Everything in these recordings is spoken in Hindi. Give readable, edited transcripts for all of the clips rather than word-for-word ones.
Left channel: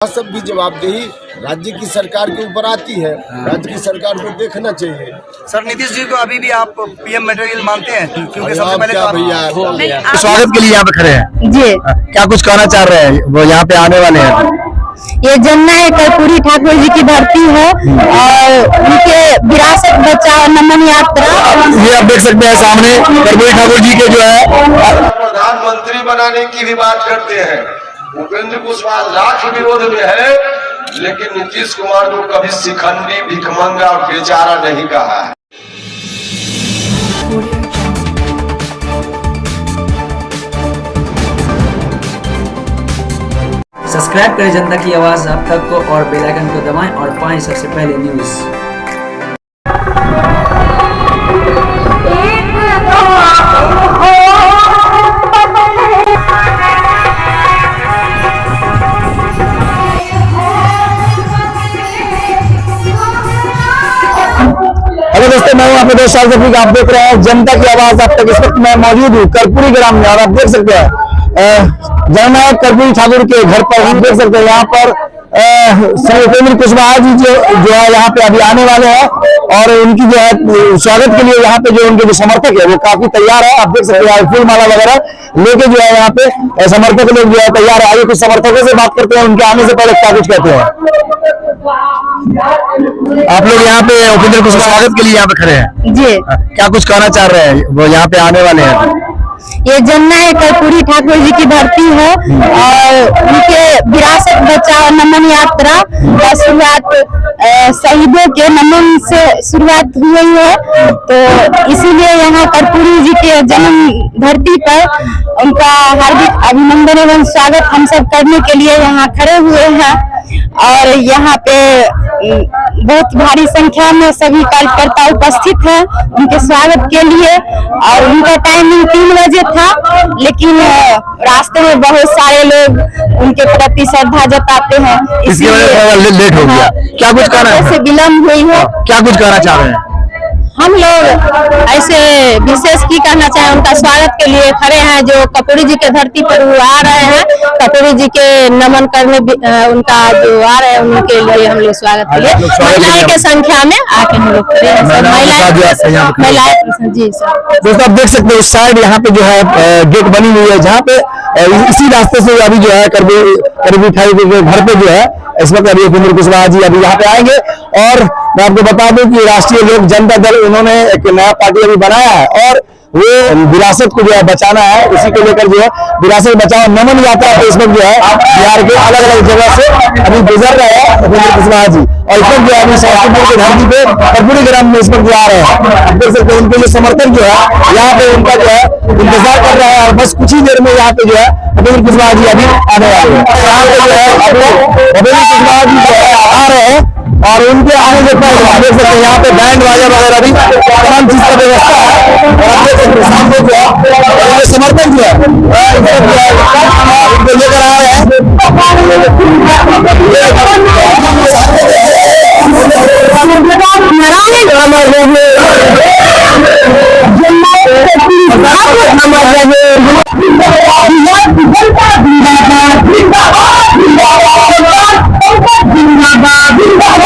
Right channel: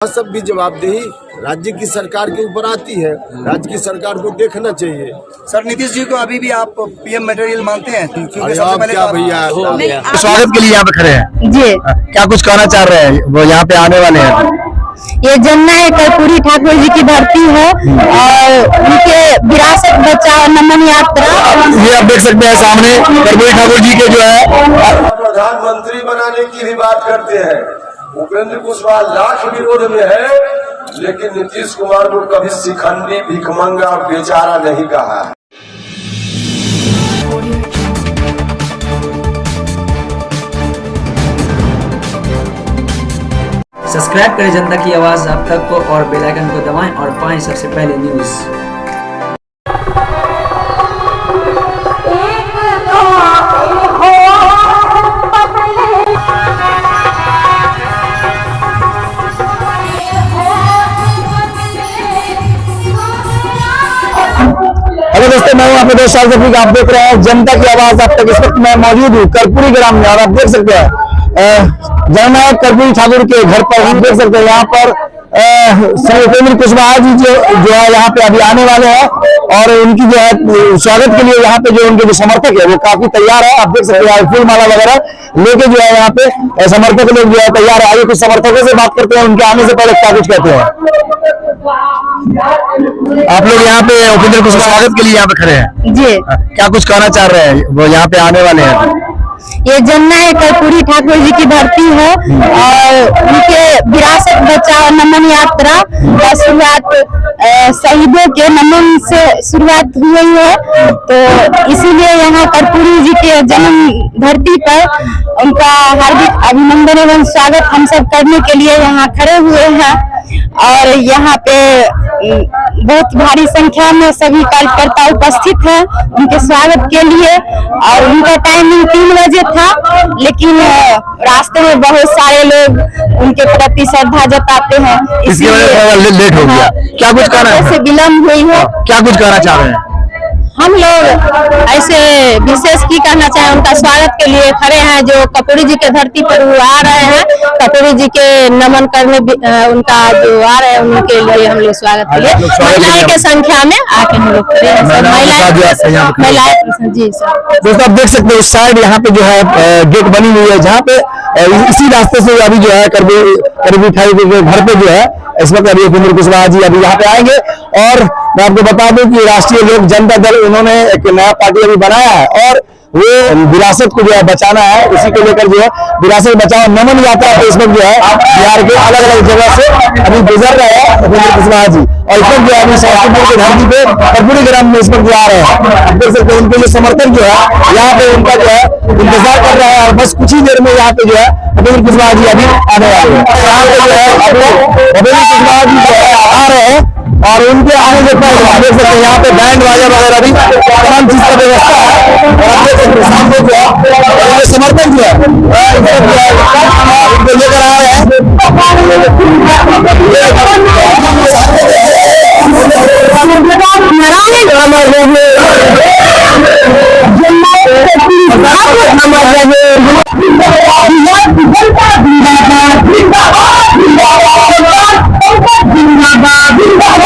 सब की जवाबदेही राज्य की सरकार के ऊपर आती है। राज्य की सरकार को देखना चाहिए। सर नीतीश जी को अभी भी आप पीएम मटेरियल मानते हैं? क्योंकि सबसे अब पहले क्या तो भैया, स्वागत के लिए यहाँ पे खड़े हैं जी। क्या कुछ कहना चाह रहे हैं? वो यहाँ पे आने वाले हैं। ये जमुना है कर्पूरी ठाकुर जी की धरती है और उनके विरासत बचाओ नमन यात्रा। ये आप देख सकते हैं सामने कर्पूरी ठाकुर जी के जो है प्रधानमंत्री बनाने की भी बात करते हैं। उपेंद्र कुशवाहा लाख विरोध में है, लेकिन नीतीश कुमार को कभी शिखंडी भिखमंगा बेचारा नहीं कहा है। सब्सक्राइब करें जनता की आवाज आप तक को और बेल आइकन को दबाएं और पाएं सबसे पहले न्यूज़। हेलो दोस्तों, मैं हूं आपके दोस्त शाहजफी। आप देख रहे हैं जनता की आवाज आप तक। इस वक्त मैं मौजूद हूँ कर्पूरी ग्राम में और आप देख सकते हैं जननायक कर्पूरी ठाकुर के घर पर। हम देख सकते हैं यहाँ पर श्री उपेंद्र कुशवाहा जी जो है यहाँ पे अभी आने वाले हैं और उनकी जो है स्वागत के लिए यहाँ पे जो उनके जो समर्थक है वो काफी तैयार है। आप देख सकते हैं फूल माला वगैरह लेके जो है यहाँ पे समर्थक लोग जो है तैयार है। आइए कुछ समर्थकों से बात करते हैं, उनके आने से पहले क्या कुछ कहते हैं। आप लोग यहाँ पे उपेंद्र कुशवाहा स्वागत के लिए यहाँ पे खड़े हैं जी। क्या कुछ कहना चाह रहे हैं? वो यहाँ पे आने वाले हैं। ये जमुना है कर्पूरी ठाकुर जी की धरती है और उनके विरासत बचाओ नमन यात्रा का शुरुआत शहीदों के नमन से शुरुआत हुई है। तो इसीलिए यहाँ कर्पूरी जी के जन्म धरती पर उनका हार्दिक अभिनंदन एवं स्वागत हम सब करने के लिए यहाँ खड़े हुए हैं। और यहाँ पे बहुत भारी संख्या में सभी कार्यकर्ता उपस्थित हैं उनके स्वागत के लिए। और उनका टाइमिंग 3 बजे था, लेकिन रास्ते में बहुत सारे लोग उनके प्रति श्रद्धा जताते हैं, इसकी वजह से लेट हो गया। क्या कुछ कहना है? से विलम्ब हुई है। क्या कुछ कहना चाह रहे हैं? हम लोग ऐसे विशेष की कहना चाहें, उनका स्वागत के लिए खड़े हैं। जो कर्पूरी जी के धरती पर वो आ रहे हैं, कर्पूरी जी के नमन करने उनका जो आ रहे हैं उनके लिए हम लोग स्वागत के लिए महिलाएं के संख्या में आके हम लोग खड़े हैं। महिलाएं जी सर। दोस्तों आप देख सकते हैं उस साइड यहाँ पे जो है गेट बनी हुई है, जहाँ पे इसी रास्ते से अभी जो है कर्पूरी ठाकुर के घर पे जो है इस वक्त अभी उपेंद्र कुशवाहा जी अभी यहाँ पे आएंगे। और मैं आपको बता दूं कि राष्ट्रीय लोक जनता दल उन्होंने एक नया पार्टी अभी बनाया है और वो विरासत को जो है बचाना है। उसी को लेकर जो है विरासत बचाओ नमन यात्रा पे इस वक्त जो है बिहार के अलग अलग जगह से अभी गुजर रहे हैं उपेंद्र कुशवाहा जी। और इस वक्त जो है अभी समस्तीपुर की धरती पे कर्पूरी ग्राम में इस वक्त जो आ रहे हैं। देख सकते हैं उनके जो समर्थक जो है यहाँ पे उनका जो है इंतजार कर रहा है और बस कुछ ही देर में यहाँ पे जो है उपेंद्र कुशवाहा जी अभी आने वाले हैं। यहाँ पे जो है अभी उपेंद्र कुशवाहा जी जो है आ रहे हैं और उनके आने से पहले देख सकते हैं यहाँ पे बैंड बाजा वगैरह भी तमाम चीज का व्यवस्था है। और आप देख सकते हैं सामने जो है समर्थक जो है उनको लेकर आ रहे हैं।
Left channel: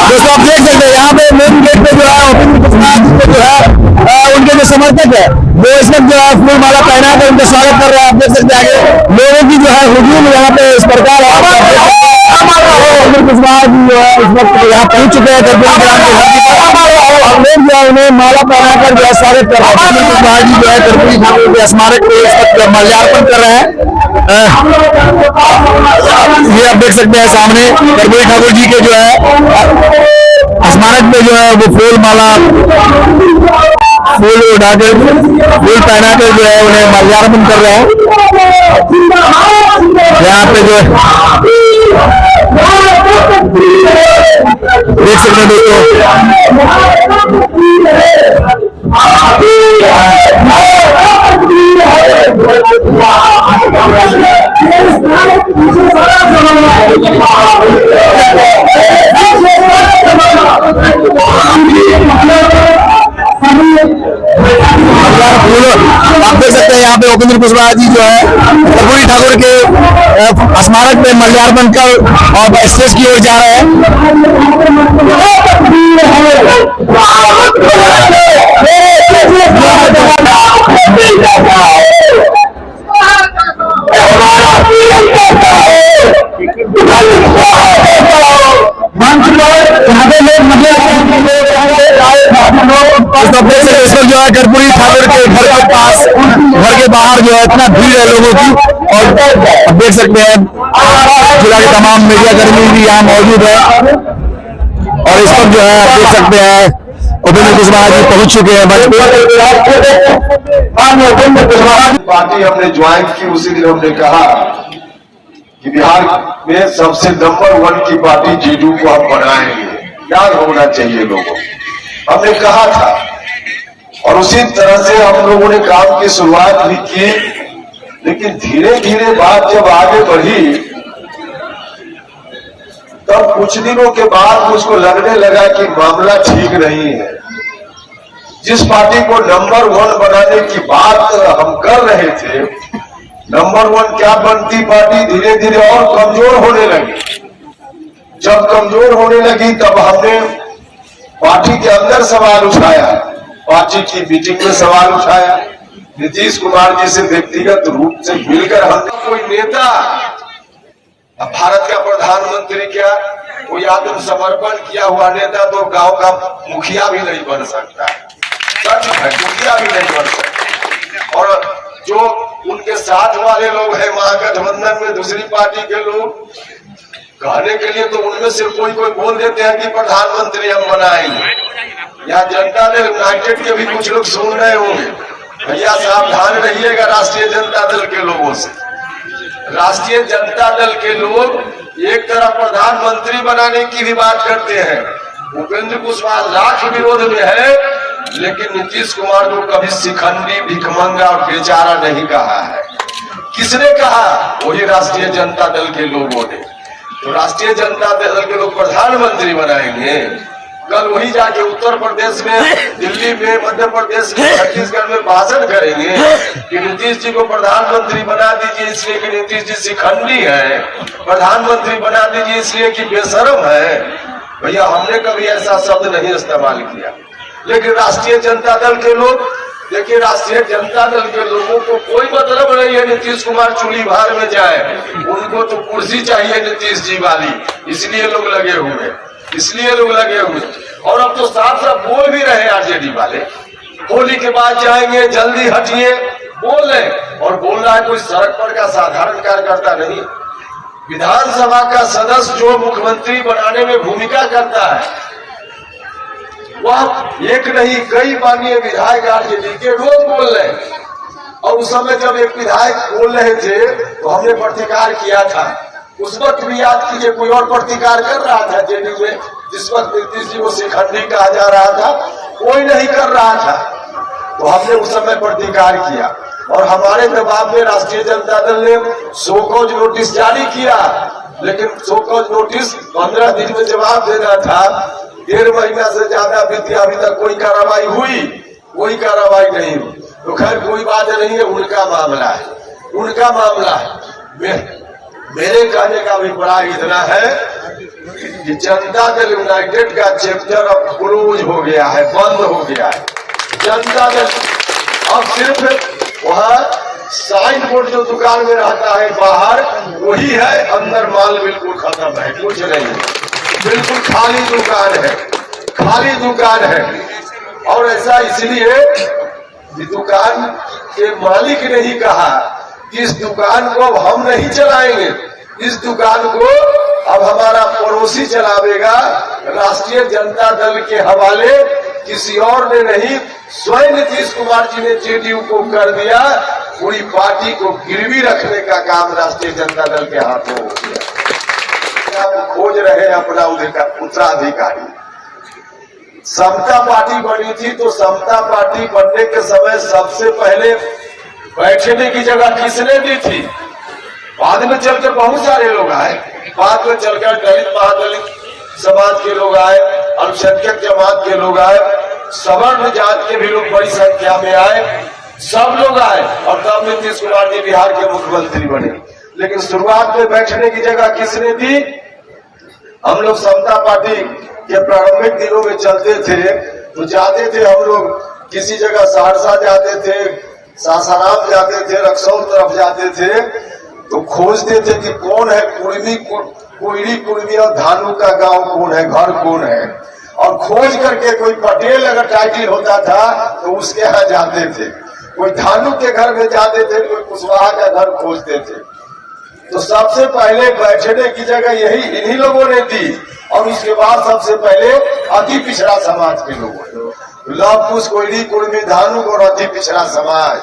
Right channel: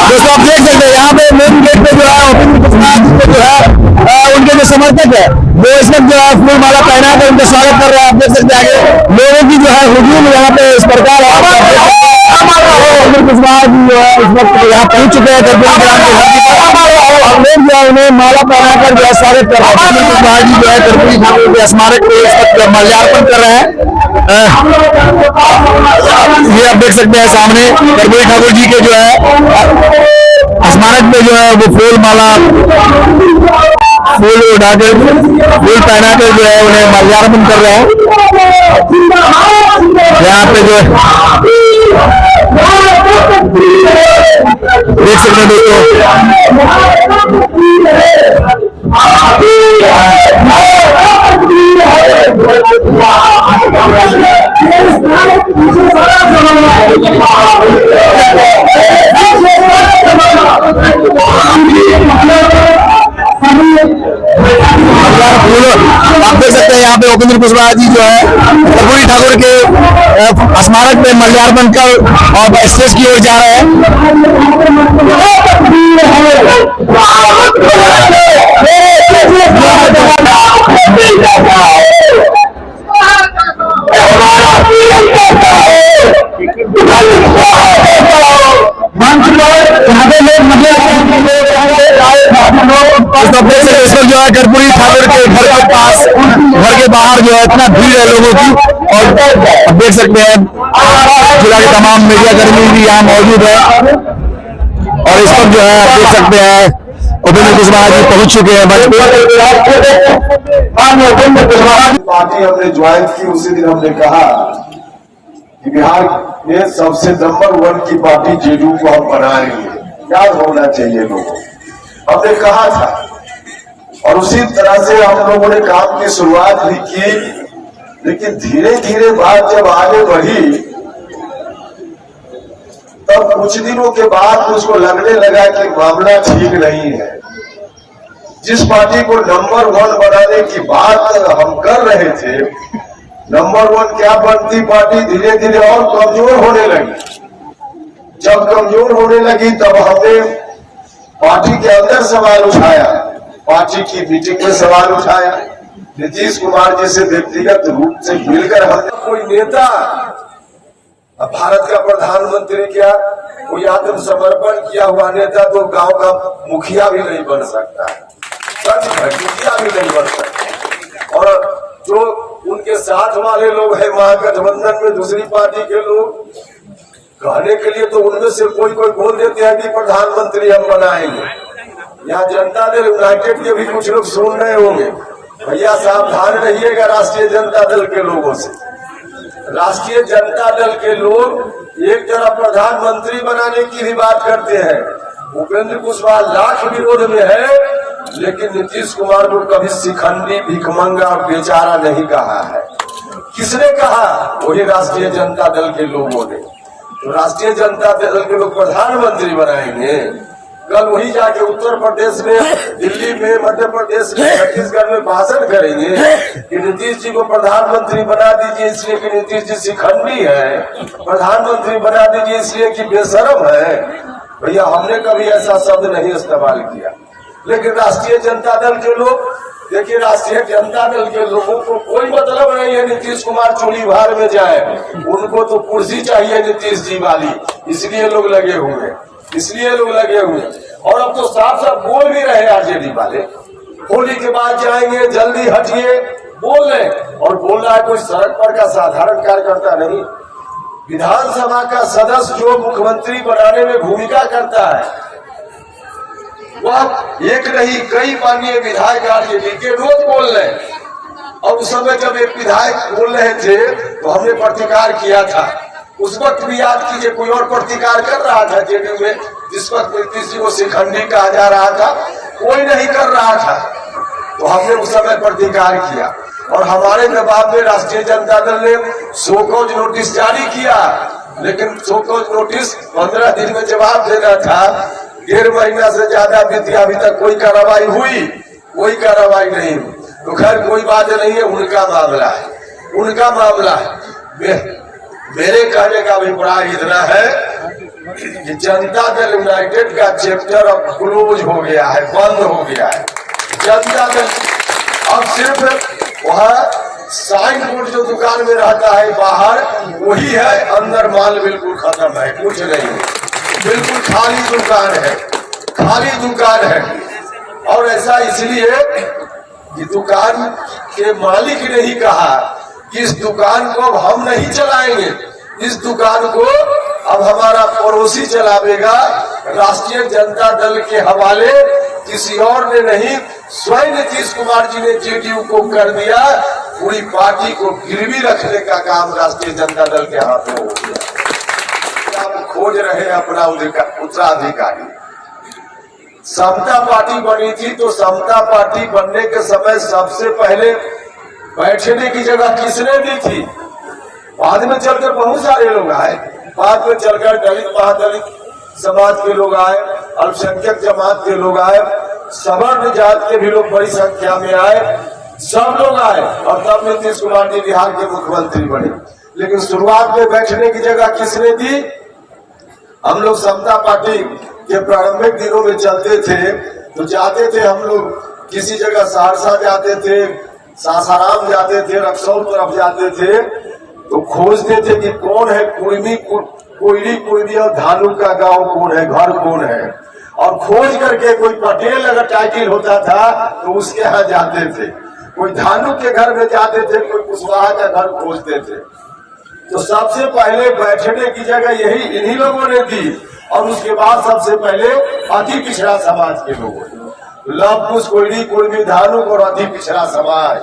दोस्तों आप देख सकते हैं यहाँ पे मेन गेट पे जो है उपेंद्र कुशवाहा जी को जो है उनके जो समर्थक है वो इस वक्त जो है फूल माला पहना कर उनका स्वागत कर रहे हैं। आप देख सकते हैं आगे लोगों की जो है हुजूम यहाँ पे इस प्रकार है। उपेंद्र कुशवाहा जी जो है इस वक्त यहाँ पहुंच चुके हैं कर्पूरी ग्राम के धरती पर और लोग जो है उन्हें माला पहनाकर जो है स्वागत कर रहे हैं। उपेंद्र कुशवाहा जी जो है कर्पूरी ठाकुर के स्मारक पे इस वक्त माल्यार्पण कर रहे हैं। ये आप देख सकते हैं सामने कर्पूरी ठाकुर जी के जो है स्मारक पे जो है वो फूल माला फूल उठाकर फूल पहनाकर जो है उन्हें माल्यार्पण कर रहे हैं। यहाँ पे जो देख सकते हैं आप देख सकते हैं यहाँ पे उपेंद्र कुशवाहा जी जो है कर्पूरी ठाकुर के स्मारक पे माल्यार्पण कर और स्टेज की ओर जा रहे हैं। जो है कर्पूरी ठाकुर के घर के पास, घर के बाहर जो है इतना भीड़ है लोगों की, और देख सकते हैं जिला के तमाम मीडिया कर्मी भी यहाँ मौजूद है, और इस पर जो है आप देख सकते हैं उपेंद्र कुशवाहा जी पहुंच चुके हैं मंच पर। पार्टी हमने ज्वाइन की उसी दिन हमने कहा कि बिहार में सबसे नंबर 1 की पार्टी जेडीयू को हम बनाएंगे, याद होना चाहिए लोगों, हमने कहा था। और उसी तरह से हम लोगों ने काम की शुरुआत भी की, लेकिन धीरे धीरे बात जब आगे बढ़ी तब कुछ दिनों के बाद मुझको लगने लगा कि मामला ठीक नहीं है। जिस पार्टी को नंबर 1 बनाने की बात हम कर रहे थे, नंबर 1 क्या बनती पार्टी धीरे धीरे और कमजोर होने लगी। जब कमजोर होने लगी तब हमने पार्टी के अंदर सवाल उठाया, पार्टी की मीटिंग में सवाल उठाया, नीतीश कुमार जी से व्यक्तिगत रूप से मिलकर हम कोई नेता, अब भारत का प्रधानमंत्री क्या, कोई आत्मसमर्पण किया हुआ नेता तो गांव का मुखिया भी नहीं बन सकता, सच है, मुखिया भी नहीं बन सकता। और जो उनके साथ वाले लोग हैं महागठबंधन में दूसरी पार्टी के लोग, कहने के लिए तो उनमें से कोई कोई बोल देते हैं कि प्रधानमंत्री हम बनाएंगे। यहाँ जनता दल यूनाइटेड के भी कुछ लोग सुन रहे होंगे, भैया सावधान रहिएगा राष्ट्रीय जनता दल के लोगों से। राष्ट्रीय जनता दल के लोग एक तरफ प्रधानमंत्री बनाने की भी बात करते हैं, उपेंद्र कुशवाहा लाख विरोध में है, लेकिन नीतीश कुमार को कभी शिखंडी, भिखमंगा और बेचारा नहीं कहा है। किसने कहा? वही राष्ट्रीय जनता दल के लोगों ने। तो राष्ट्रीय जनता दल के लोग प्रधानमंत्री बनाएंगे, कल वही जाके उत्तर प्रदेश में, दिल्ली में, मध्य प्रदेश में, छत्तीसगढ़ में भाषण करेंगे कि नीतीश जी को प्रधानमंत्री बना दीजिए इसलिए कि नीतीश जी शिखंडी है, प्रधानमंत्री बना दीजिए इसलिए कि बेशरम है। भैया हमने कभी ऐसा शब्द नहीं इस्तेमाल किया, लेकिन राष्ट्रीय जनता दल के लोग, देखिए राष्ट्रीय जनता दल के लोगों को कोई मतलब नहीं है नीतीश कुमार चूड़ी भार में जाए, उनको तो कुर्सी चाहिए नीतीश जी वाली, इसलिए लोग लगे हुए, इसलिए लोग लगे हुए। और अब तो साफ साफ बोल भी रहे आरजेडी वाले, होली के बाद जाएंगे, जल्दी हटिए, बोल रहे। और बोल रहा है कोई सड़क पर का साधारण कार्यकर्ता नहीं, विधानसभा का सदस्य जो मुख्यमंत्री बनाने में भूमिका करता है, वह एक नहीं कई माननीय विधायक आरजेडी के रोज बोल रहे हैं। और उस समय जब एक विधायक बोल रहे थे तो हमने प्रतिकार किया था, उस वक्त भी याद कीजिए कोई और प्रतिकार कर रहा था जेडीयू में, जिस वक्त नीतीश जी को शिखंडी कहा जा रहा था, कोई नहीं कर रहा था। तो हमने उस समय प्रतिकार किया और हमारे जवाब में राष्ट्रीय जनता दल ने शोकॉज नोटिस जारी किया, लेकिन शोकॉज नोटिस 15 दिन में जवाब देना था, 1.5 महीना से ज्यादा बीत गया, अभी तक कोई कार्रवाई हुई, कोई कार्रवाई नहीं हुई। तो खैर कोई बात नहीं है, उनका मामला है, उनका मामला है। मेरे कहने का अभिप्राय इतना है कि जनता दल यूनाइटेड का चैप्टर अब क्लोज हो गया है, बंद हो गया है। जनता दल अब सिर्फ वहाँ साइन बोर्ड जो दुकान में रहता है बाहर वही है, अंदर माल बिल्कुल खत्म है, कुछ नहीं है, बिल्कुल खाली दुकान है, खाली दुकान है। और ऐसा इसलिए कि दुकान के मालिक ने ही कहा कि इस दुकान को अब हम नहीं चलाएंगे, इस दुकान को अब हमारा पड़ोसी चलावेगा, राष्ट्रीय जनता दल के हवाले किसी और ने नहीं, स्वयं नीतीश कुमार जी ने जेडीयू को कर दिया। पूरी पार्टी को गिरवी रखने का काम राष्ट्रीय जनता दल के हाथों हो गया। खोज रहे अपना उत्तराधिकारी। समता पार्टी बनी थी तो समता पार्टी बनने के समय सबसे पहले बैठने की जगह किसने दी थी? बाद में चलकर बहुत सारे लोग आए, बाद में चलकर दलित महादलित समाज के लोग आए, अल्पसंख्यक जमात के लोग आए, सवर्ण जात के भी लोग बड़ी संख्या में आए, सब लोग आए और तब नीतीश कुमार जी बिहार के मुख्यमंत्री बने। लेकिन शुरुआत में बैठने की जगह किसने दी? हम लोग समता पार्टी के प्रारंभिक दिनों में चलते थे तो जाते थे, हम लोग किसी जगह सहरसा जाते थे, सासाराम जाते थे, रक्सौल तरफ जाते थे तो खोजते थे कि कौन है कोयली कुर्मी और धानु का गांव कौन है, घर कौन है, और खोज करके कोई पटेल अगर टाइटिल होता था तो उसके यहाँ जाते थे, कोई धानु के घर में जाते थे, कोई कुशवाहा का घर खोजते थे। तो सबसे पहले बैठने की जगह यही इन्हीं लोगों ने दी और उसके बाद सबसे पहले अति पिछड़ा समाज के लोगों ने, लव कुश कोयली कुर्मी धानु और अति पिछड़ा समाज,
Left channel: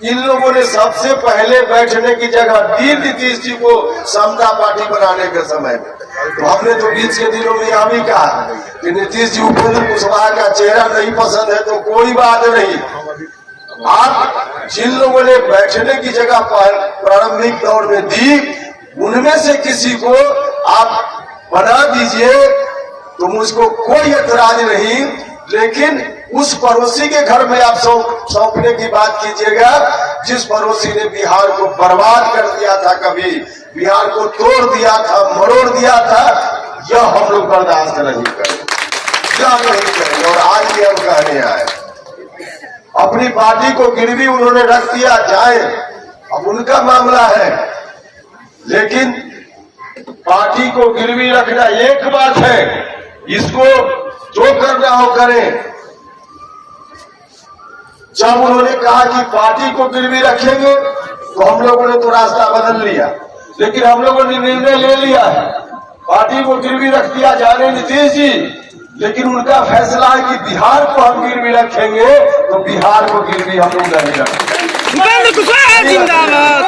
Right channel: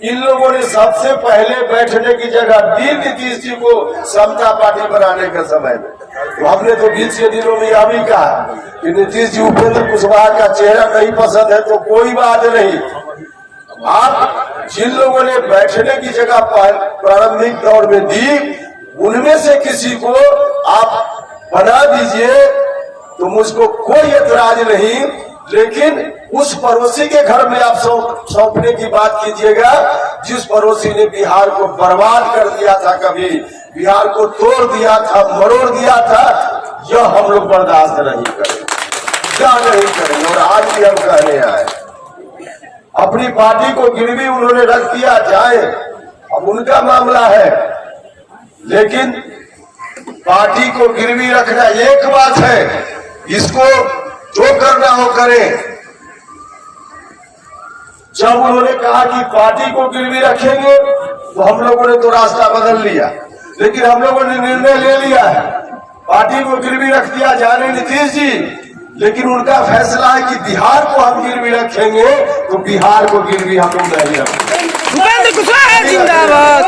इन लोगों ने सबसे पहले बैठने की जगह दी नीतीश जी को समता पार्टी बनाने के समय में। तो हमने तो बीच के दिनों में यह भी कहा कि नीतीश जी उपेंद्र कुशवाहा का चेहरा नहीं पसंद है तो कोई बात नहीं, आप जिन लोगों ने बैठने की जगह प्रारंभिक दौर में दी उनमें से किसी को आप बना दीजिए तो मुझको कोई एतराज नहीं, लेकिन उस पड़ोसी के घर में आप सौंपने की बात कीजिएगा जिस पड़ोसी ने बिहार को बर्बाद कर दिया था, कभी बिहार को तोड़ दिया था, मरोड़ दिया था, यह हम लोग बर्दाश्त नहीं करेंगे, क्या नहीं करेंगे। और आज भी हम कहने आए, अपनी पार्टी को गिरवी उन्होंने रख दिया, जाए अब उनका मामला है, लेकिन पार्टी को गिरवी रखना एक बात है, इसको जो करना हो करें। जब उन्होंने कहा कि पार्टी को गिरवी रखेंगे तो हम लोगों ने तो रास्ता बदल लिया, लेकिन हम लोगों ने निर्णय ले लिया है पार्टी को गिरवी रख दिया जाने नीतीश जी, लेकिन उनका फैसला है कि बिहार को हम गिरवी रखेंगे तो बिहार को गिरवी हम लोग नहीं रखेंगे। जिंदाबाद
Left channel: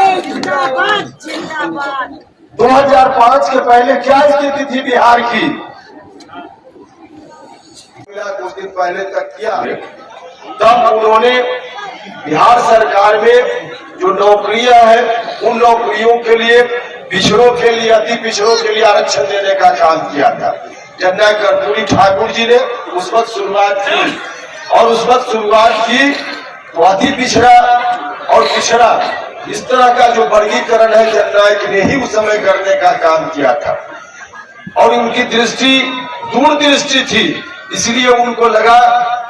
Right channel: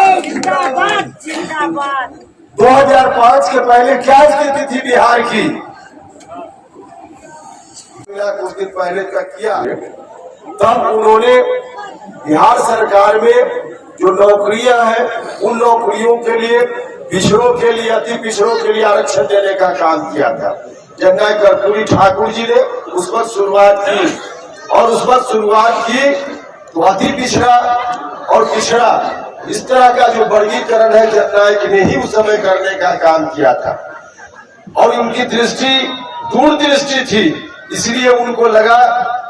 2005 के पहले क्या स्थिति थी बिहार की, कुछ दिन पहले तक किया, तब उन्होंने बिहार सरकार में जो नौकरियां हैं उन नौकरियों के लिए पिछड़ों के लिए, अति पिछड़ों के लिए आरक्षण देने का काम किया था। जननायक कर्पूरी ठाकुर जी ने उस वक्त शुरुआत की और उस वक्त शुरुआत की तो अति पिछड़ा और पिछड़ा इस तरह का जो वर्गीकरण है जननायक ने ही उस समय करने का काम किया था और उनकी दृष्टि दूरदृष्टि थी, इसलिए उनको लगा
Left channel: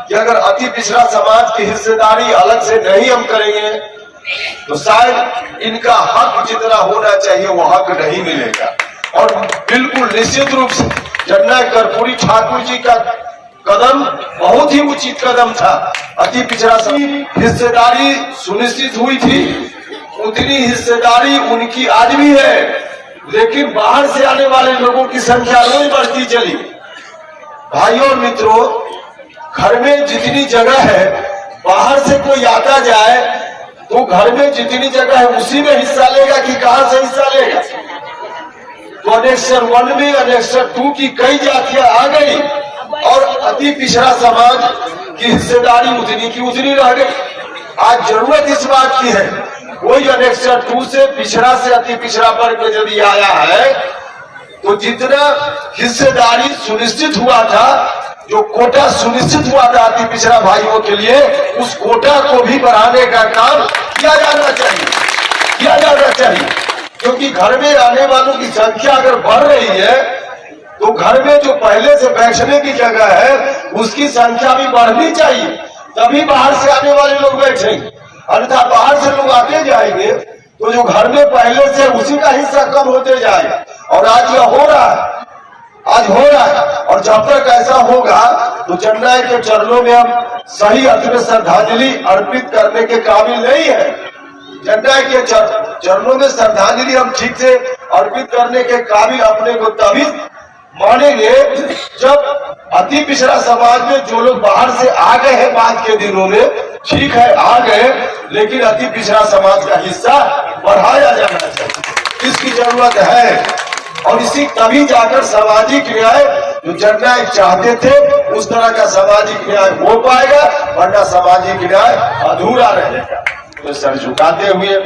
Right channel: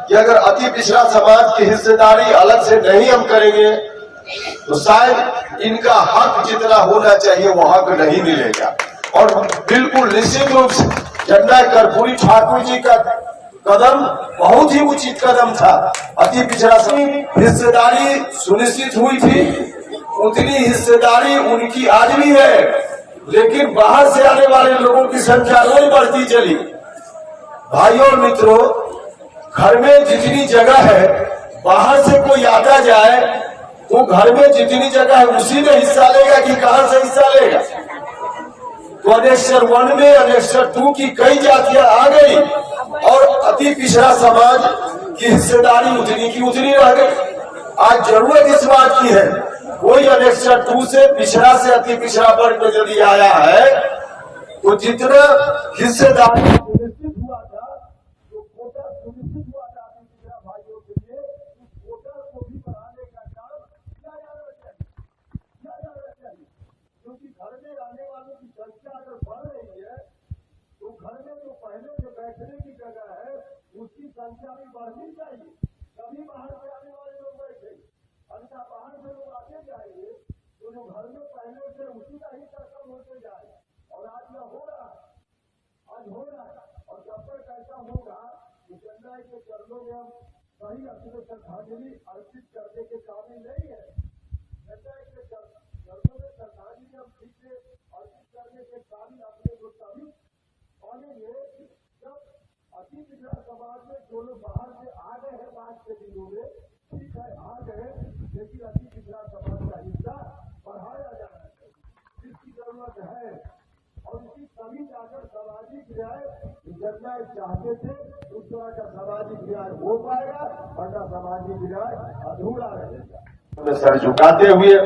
कि अगर अति पिछड़ा समाज की हिस्सेदारी अलग से नहीं हम करेंगे तो शायद इनका हक जितना होना चाहिए वो हक नहीं मिलेगा। और बिल्कुल निश्चित रूप से जननायक कर्पूरी ठाकुर जी का कदम बहुत ही उचित कदम था, अति पिछड़ा हिस्सेदारी सुनिश्चित हुई थी, उतनी हिस्सेदारी उनकी आज भी है, लेकिन बाहर से आने वाले लोगों की संख्या रोज बढ़ती चली। भाइयों और मित्रों, घर में जितनी जगह है बाहर से कोई आता जाए तो घर में जितनी जगह है उसी में हिस्सा लेगा कि कहां से हिस्सा लेगा। तो अनेक्सर 1 में अनेक्सर 2 की कई जातियां आ गई और अति पिछड़ा समाज की हिस्सेदारी उतनी की उतनी रह गई। आज जरूरत इस बात की है, कोई अनेक्सर 2 से पिछड़ा से अति पिछड़ा वर्ग में यदि आया है तो जितना हिस्सेदारी सुनिश्चित हुआ था, जो कोटा सुनिश्चित हुआ था अति पिछड़ा भाइयों के लिए, उस कोटा को भी बढ़ाने का काम किया जाना चाहिए, क्योंकि घर में आने वालों की संख्या अगर बढ़ रही है तो घर में जो पहले से बैठने की जगह है उसकी संख्या भी बढ़नी चाहिए, तभी बाहर से आने वाले लोग बैठेंगे। अन्यथा बाहर से लोग आते जाएंगे तो जो घर में पहले से उसी का हिस्सा कम होते जाएगा। और आज यह हो रहा है, और जब तक ऐसा होगा तो जननायक के चरणों में हम सही अर्थ में श्रद्धांजलि अर्पित करने के काबिल नहीं है। जननायक के चरणों में श्रद्धांजलि हम ठीक से अर्पित करने के काबिल अपने को तभी मानेंगे जब अति पिछड़ा समाज में जो लोग बाहर से आ गए हैं बाद के दिनों में, ठीक है आ गए, लेकिन अति पिछड़ा समाज का हिस्सा बढ़ाया जाना चाहिए, इसकी जरूरत है। और इसी तभी जाकर सामाजिक न्याय जो जननायक चाहते थे उस तरह का सामाजिक न्याय हो पाएगा, वरना सामाजिक न्याय अधूरा रहेगा। तो सर झुकाते हुए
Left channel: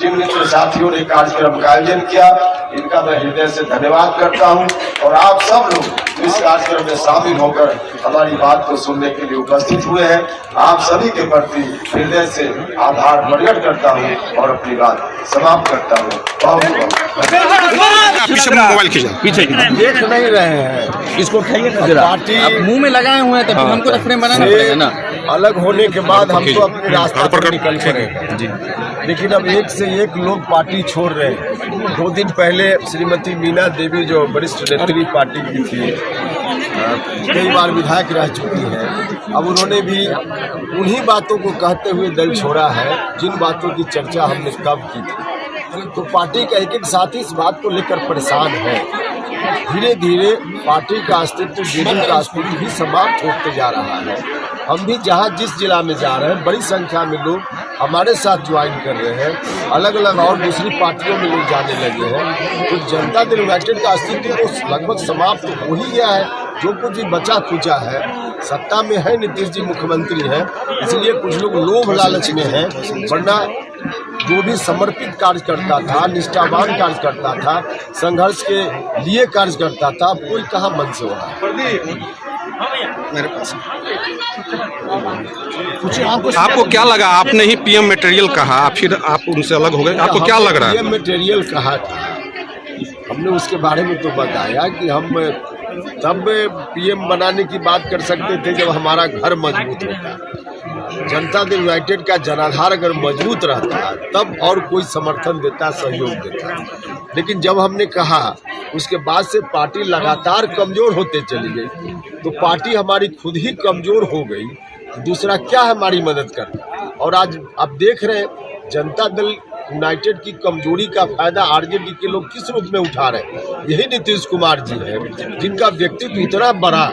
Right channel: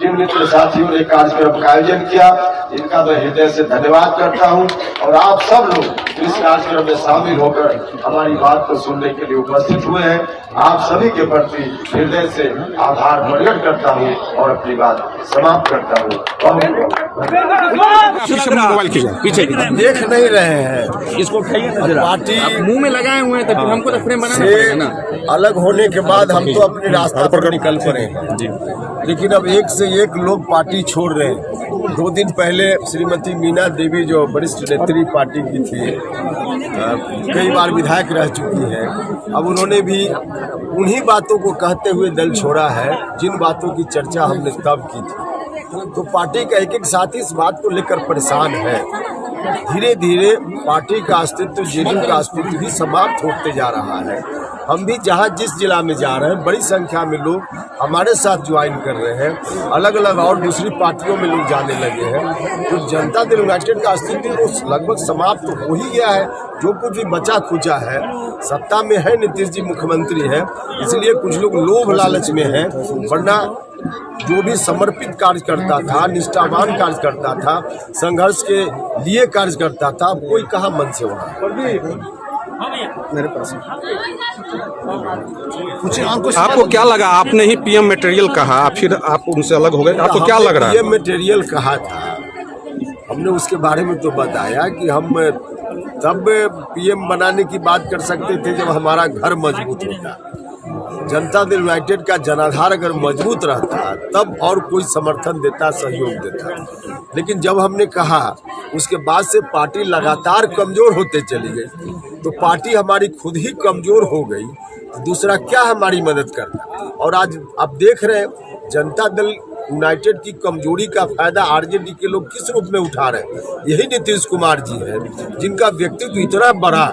जिन मित्र साथियों ने कार्यक्रम का आयोजन किया, इनका मैं हृदय से धन्यवाद करता हूं। और आप सब लोग इस कार्यक्रम में शामिल होकर हमारी बात को सुनने के लिए उपस्थित हुए हैं। आप सभी के प्रति हृदय से आभार प्रकट करता हूं और अपनी बात समाप्त करता हूं। पीछे मोबाइल खींचा, पीछे देख नहीं रहे हैं इसको, पार्टी मुंह में लगाए हुए हैं, तब हमको तो फ्रेम बनाना से पड़ेगा ना। अलग होने के बाद हम तो अपने रास्ते पर निकल पड़े, लेकिन अब एक से एक लोग पार्टी छोड़ रहे हैं। 2 दिन पहले श्रीमती मीना देवी जो वरिष्ठ नेत्री पार्टी की थी, कई बार विधायक रह चुकी हैं, अब उन्होंने भी उन्हीं बातों को कहते हुए दल छोड़ा है जिन बातों की चर्चा हमने तब की थी। तो पार्टी का एक साथी इस बात को लेकर परेशान है। धीरे धीरे पार्टी का अस्तित्व, जेडीयू का अस्तित्व भी समाप्त होते जा रहा है। हम भी जहां जिस जिला में जा रहे हैं, बड़ी संख्या में लोग हमारे साथ ज्वाइन कर रहे हैं। अलग अलग और दूसरी पार्टियों में लोग जाने लगे हैं। तो जनता दल यूनाइटेड का अस्तित्व तो लगभग समाप्त हो ही गया है। जो कुछ भी बचा खुचा है, सत्ता में है, नीतीश जी मुख्यमंत्री है, इसलिए कुछ लोग लोभ लालच में हैं। वरना जो भी समर्पित कार्य करता था, निष्ठावान कार्य करता था, संघर्ष के लिए कार्य करता था, कोई कहाँ मन से हो रहा है। मेरे पास आपको क्या लगा? आपने ही पीएम मटेरियल कहा, फिर आप उनसे अलग हो गए, आपको क्या लग रहा है? पीएम मटेरियल कहा था, हमने उसके बारे में तो बताया कि हम तब पीएम बनाने की बात कर सकते थे जब हमारा घर मजबूत होता। जनता दल यूनाइटेड का जनाधार अगर मजबूत रहता तब और कोई समर्थन देता, सहयोग देता। लेकिन जब हमने कहा, उसके बाद से पार्टी लगातार कमजोर होते चली गई। तो पार्टी हमारी खुद ही कमजोर हो गई, तो दूसरा क्या हमारी मदद करना। और आज आप देख रहे हैं जनता दल यूनाइटेड की कमजोरी का फायदा आरजेडी के लोग किस रूप में उठा रहे हैं। यही नीतीश कुमार जी है जिनका व्यक्तित्व इतना बड़ा,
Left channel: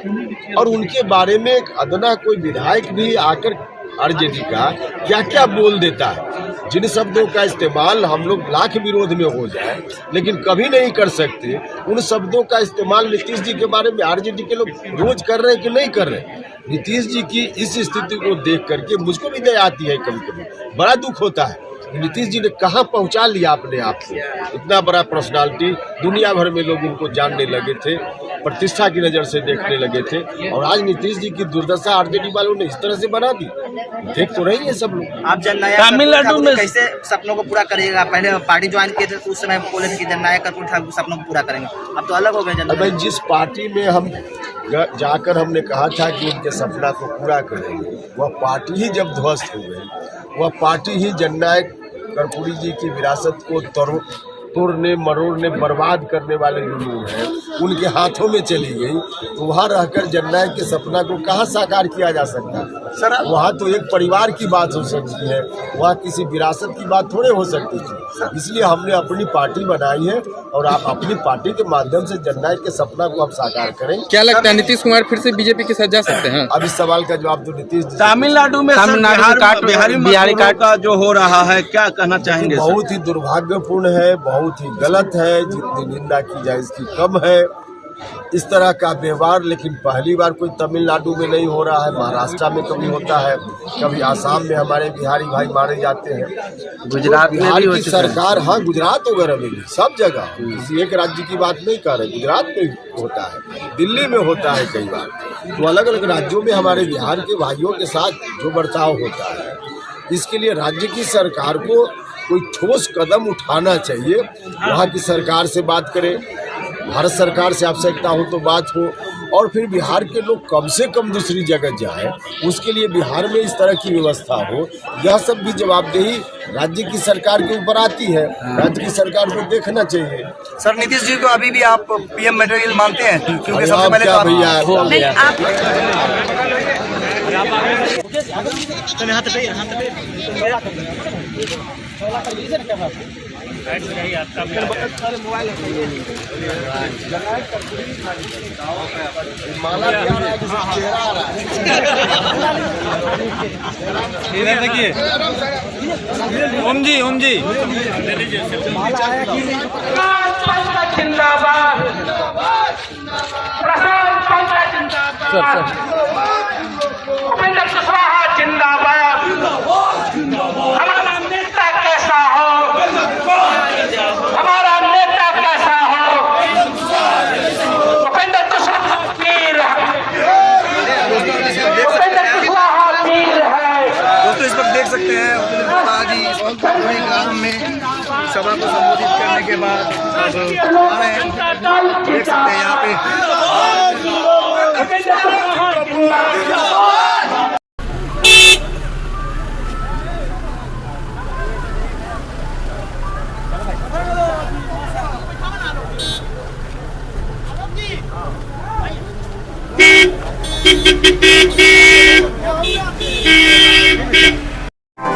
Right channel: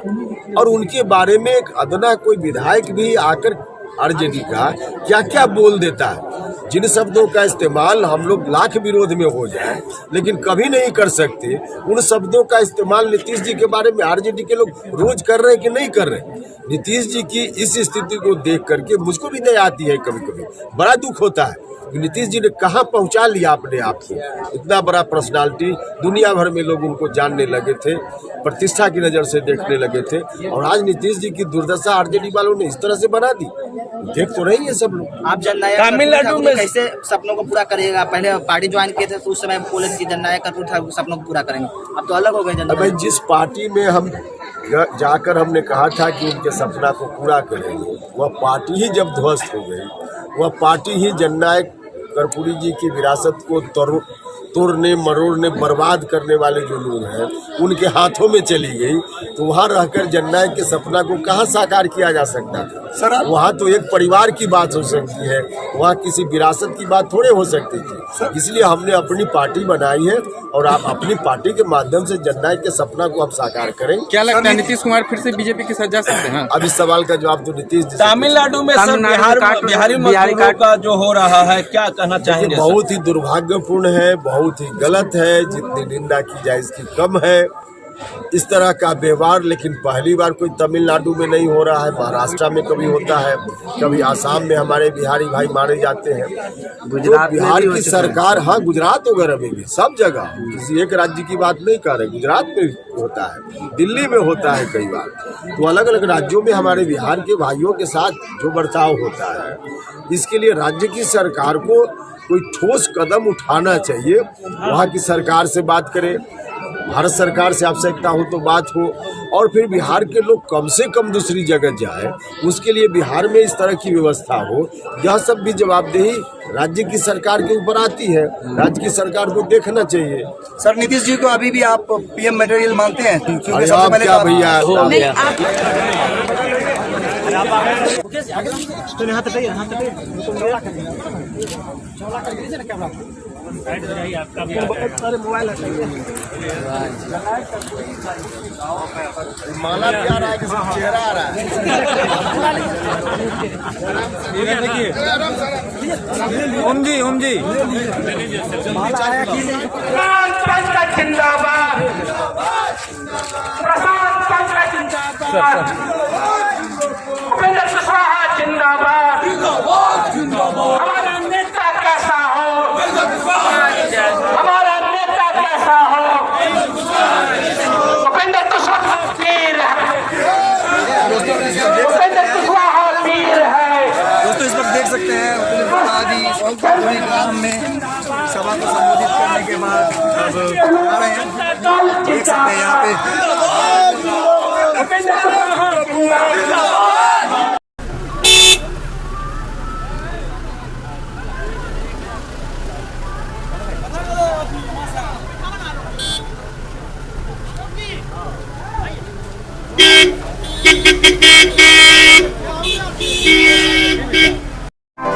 और उनके बारे में एक अदना कोई विधायक भी आकर आरजेडी का क्या क्या बोल देता है। जिन शब्दों का इस्तेमाल हम लोग लाख विरोध में हो जाए लेकिन कभी नहीं कर सकते, उन शब्दों का इस्तेमाल नीतीश जी के बारे में आरजेडी के लोग रोज कर रहे हैं कि नहीं कर रहे। नीतीश जी की इस स्थिति को देख करके मुझको भी दया आती है, कभी कभी बड़ा दुख होता है। नीतीश जी ने कहाँ पहुँचा लिया अपने आप को। इतना बड़ा पर्सनालिटी, दुनिया भर में लोग उनको जानने लगे थे, प्रतिष्ठा की नज़र से देखने लगे थे, और आज नीतीश जी की दुर्दशा आरजेडी वालों ने इस तरह से बना दी। देख तो रही है सब लोग। आप तमिलनाडु में कैसे सपनों को पूरा करिएगा? पहले पार्टी ज्वाइन किए थे तो उस समय बोले थे कि जननायक कर्पूरी सपनों को पूरा करेंगे, अब तो अलग हो गए। भाई, जिस पार्टी में हम जाकर हमने कहा था कि उनके सपना को पूरा करेंगे, वह पार्टी ही जब ध्वस्त हो गई, वह पार्टी ही जननायक कर्पूरी जी की विरासत को तोड़ने मरोड़ने बर्बाद करने वाले जो लोग हैं उनके हाथों में चली गई, तो वहाँ रहकर जननायक के सपना को कहाँ साकार किया जा सकता था सर? वहाँ तो एक परिवार की बात हो सकती है, वहाँ किसी विरासत की बात थोड़े हो सकती थी। इसलिए हमने अपनी पार्टी बनाई है और आप अपनी पार्टी के माध्यम से जननायक के सपना को आप साकार करें। क्या लगता है नीतीश कुमार फिर से बीजेपी के साथ जा सकते हैं? अब इस सवाल का जवाब तो नीतीश जी। तमिलनाडु में बिहारी मजदूरों का जो हो रहा है, क्या कहना चाहेंगे? बहुत ही दुर्भाग्यपूर्ण है, बहुत ही गलत है, जितनी निंदा की जाए इसकी कम है इस तरह का व्यवहार। लेकिन पहली बार कोई तमिलनाडु में नहीं हो रहा है, महाराष्ट्र में कभी होता है, कभी आसाम में हमारे बिहारी भाई मारे जाते हैं। गुजरात, तो बिहार की सरकार, हाँ गुजरात वगैरह में भी, सब जगह, किसी एक राज्य की बात नहीं कर रहे, गुजरात में होता है, दिल्ली में होता है कई बार। तो अलग अलग राज्यों में हमारे बिहार के भाइयों के साथ जो बर्ताव होता है, इसके लिए राज्य की सरकार को कोई ठोस कदम उठाना चाहिए। वहाँ की सरकार से बात करें, भारत सरकार से आवश्यकता हो तो बात हो, और फिर बिहार के लोग कम से कम दूसरी जगह जाए, उसके लिए बिहार में इस तरह की व्यवस्था हो। यह सब भी जवाबदेही राज्य की सरकार के ऊपर आती है, राज्य की सरकार को देखना चाहिए। सर, नीतीश जी को अभी भी आप पीएम मटेरियल मानते हैं? अरे आप क्या भैया, माला क्या आ रहा है, किसी चेहरा आ रहा है। ओम जी जिंदाबाद, प्रशांत पंकज जिंदाबाद, उपेंद्र कुशवाहा जिंदाबाद, हमारा नेता कैसा हो देख सकते हैं यहाँ पे।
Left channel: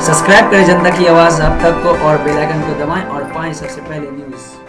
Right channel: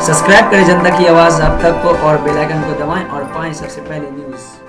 सब्सक्राइब करें जनता की आवाज़ आप तक को और बेल आइकन को दबाएं और पाएं सबसे पहले न्यूज़।